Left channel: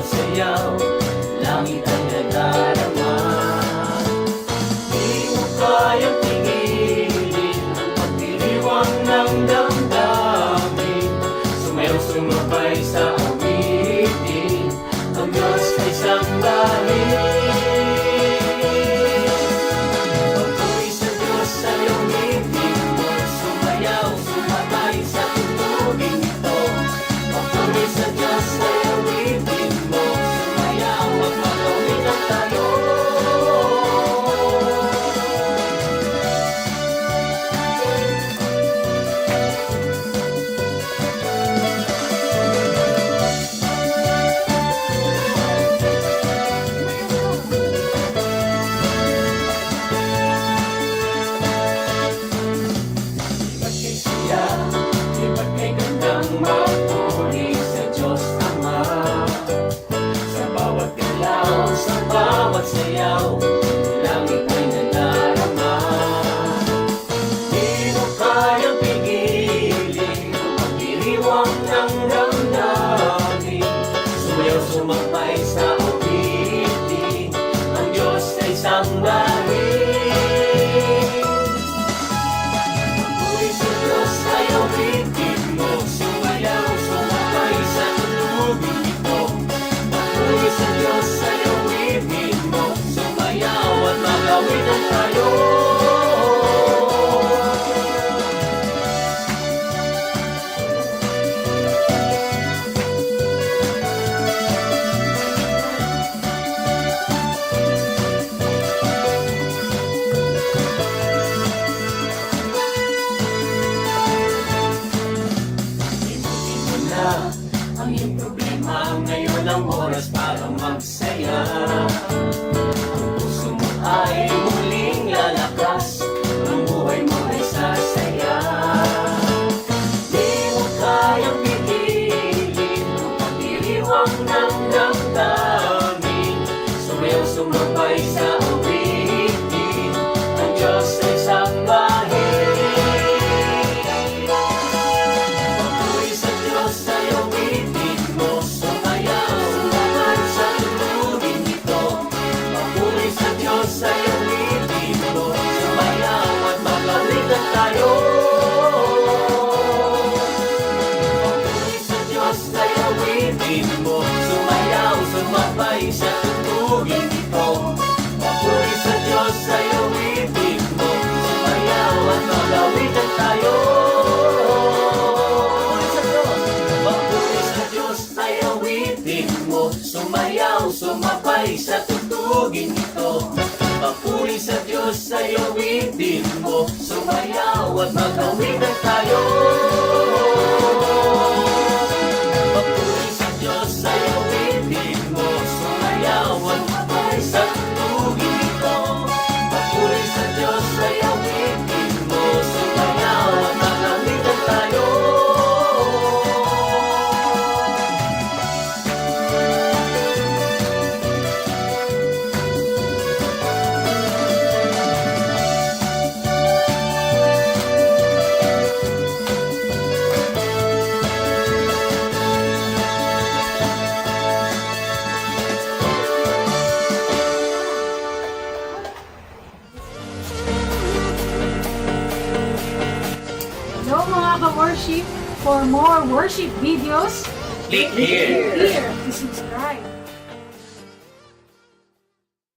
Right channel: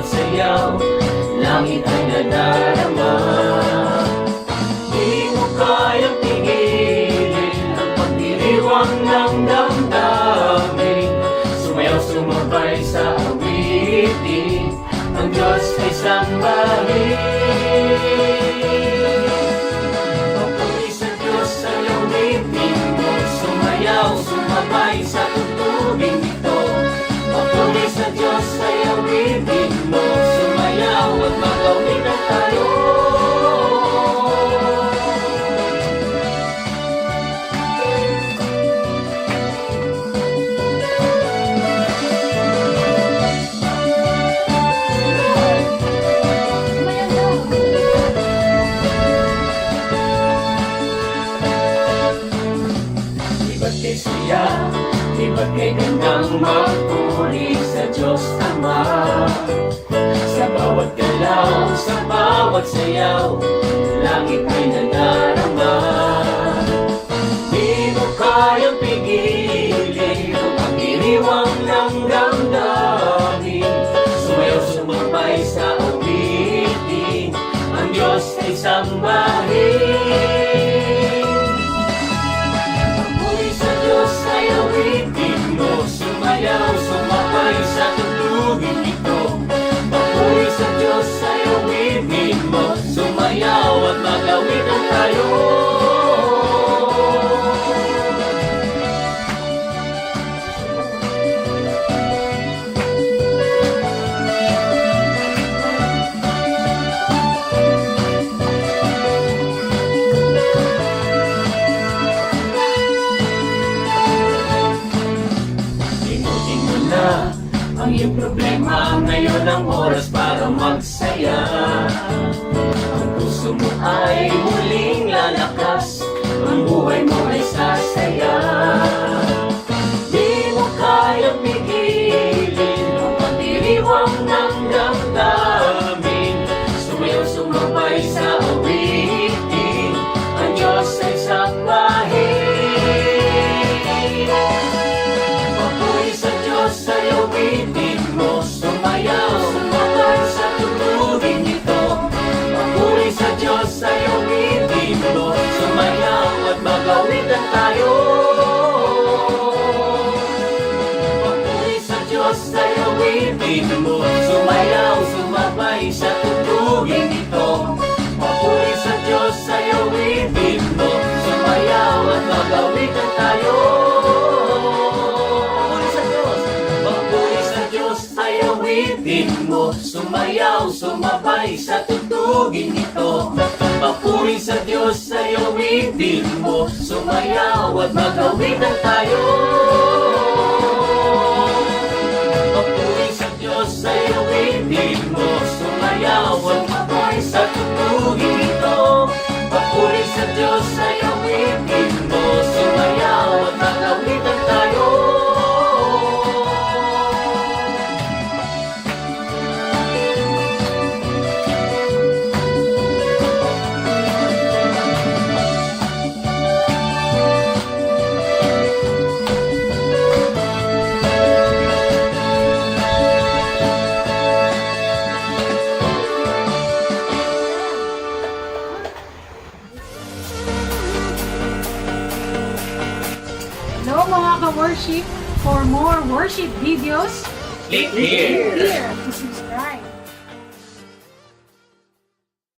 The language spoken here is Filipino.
bawat sayaw, langit ay nadarama. Di mo kayang pigilin ang pagdiriwang ng damdamin. Sumayaw, sumabay sa awitin, ang Diyos ay sambahin. Papuri sa Diyos ay awitin mo, sumayaw, sumabay sa tugtugin ito. Papuri sa Diyos ay awitin mo, sumayaw at magawitan tayo. Di ba't kay gandang magpuri sa Diyos Ama? Sa bawat galaw, sa bawat sayaw, langit ay nadarama. Di mo kayang pigilin ang pagdiriwang ng damdamin. Sumayaw, sumabay sa awitin, ang Diyos ay sambahin. Sumayaw, sumabay sa tugtugin ito. Papuri sa Diyos ay awitin mo, sumayaw at magawitan tayo. Ang iyong problema ngayon ang oras para magsaya. Ang puso mo ay muling lalakas, ang buhay mo ay sasaya. Di mo kayang pigilin ang pagdiriwang ng damdamin. Sumayaw, sumabay sa awitin, ang Diyos ay sambahin. Papuri sa Diyos ay awitin mo, sumayaw, sumabay sa tugtugin ito. Papuri sa Diyos ay awitin mo, sumayaw at magawitan tayo. Papuri sa Diyos ay awitin mo, sumayaw, sumabay sa tugtugin ito. Papuri sa Diyos ay awitin mo, sumayaw at magawitan tayo. Sumayaw, sumabay sa tugtugin ito. Papuri sa Diyos ay awitin mo, sumayaw at magawitan tayo. Papuri sa Diyos ay awitin mo, sumayaw at sumabay sa tugtugin ito. Papuri sa Diyos ay awitin mo, sumayaw at magawitan tayo. Hello mga ka-worship! For more worship videos, Click here! to subscribe.